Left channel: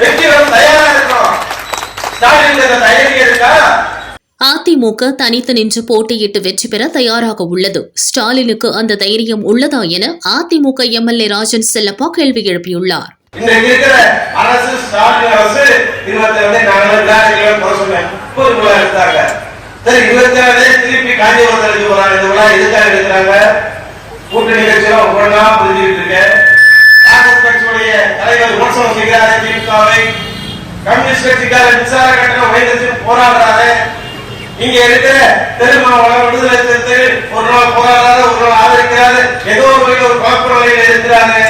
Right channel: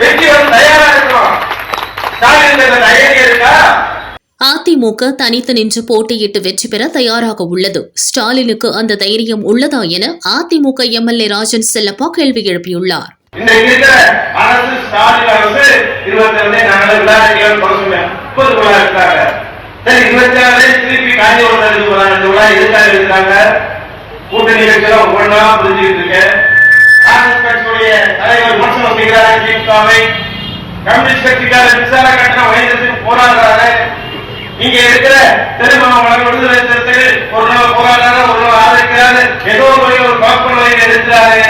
வெற்றி தயாரா இருக்கோம் ஸ்டாலின் இந்த தைரியம் இருக்கா? அதிமுக தனித்து நின்று போட்டியிட்டு வெற்றி பெற தயாராக உள்ளது. ஸ்டாலினுக்கு அந்த தைரியம் உள்ளதா என அதிமுக எம்எல்ஏ ராஜன் செல்லப்பா கேள்வி எழுப்பியுள்ளார். கூட்டணி காங்கிரஸ் கட்சியுடைய தலைவர் விமர்சனம் செய்கிறாரு திமுகவை. கம்யூனிஸ்ட் கட்சிக்காரர் மின்சார கட்டணம் போராடுறாரு இருக்கிற திருமாவளவன் விடுதலை ஒரு நாள் போராடுறாரு ஒரு நாள் ஆதரிக்கிறாரு. ஏதோ ஒரு வகையில் ஒரு குழப்ப நிலையில் இருக்கிறாரு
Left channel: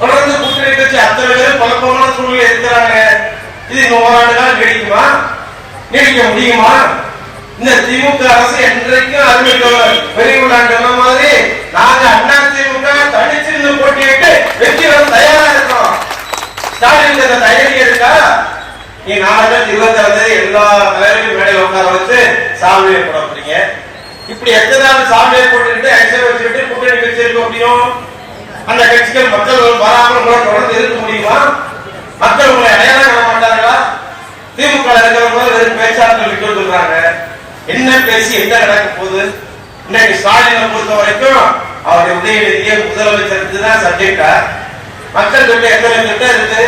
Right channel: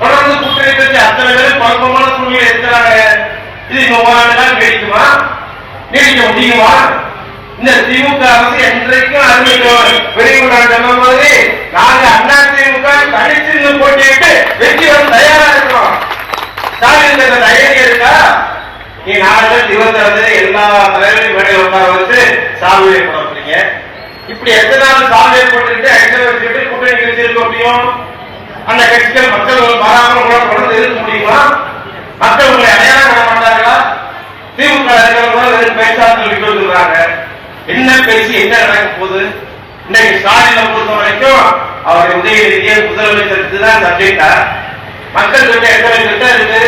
தொடர்ந்து கூட்டணி கட்சி அத்தனை பேரும் குழப்பமான சூழ்நிலை இருக்கிறாங்க. இது இந்த ஓராண்டு நீடிக்குமா? நீடிக்க முடியுமா? இந்த திமுக அரசு என்றைக்கும் அறிவிக்கும் வெளியுள்ளாண்டு சொன்ன மாதிரி நாங்க அண்ணா திமுக தனிச்சு நின்னு போட்டியிட்டு வெற்றி வர தயாரா இருக்கோம் ஸ்டாலின் இந்த தைரியம் இருக்கா நீ நாலு இருபத்தி எல்லா தலைவரையும் மேடையில் உட்கார வச்சு சாமியை போட போறீங்க இப்படி எத்தனை நாள் சாமியை போட்டுக்கிட்டு ஐசர் வச்சுக்கிட்டு கூட்டணி கட்சி இருக்க முடியும்? அந்த கட்சிகள் மக்கள் மாறாமல் கூட தொடர்ந்து இருக்க முடியுமா? மக்கள் உங்களை அடையாளம் காண மாட்டாங்களா திமுக இருக்கிறவங்க வெறும் பேச்சாளர்கள் விட்டு வந்துடுறாங்க. என்ன பேசி என்ன நடக்க போகுது? இன்னைக்கு ஸ்டாலினை பொறுத்த வரைக்கும் அவருடைய உதயநிதியை முதலமைச்சருக்கு தான் சப்ஜெக்டா மக்கள் கிட்ட எத்தனை கிட்ட இருக்கு?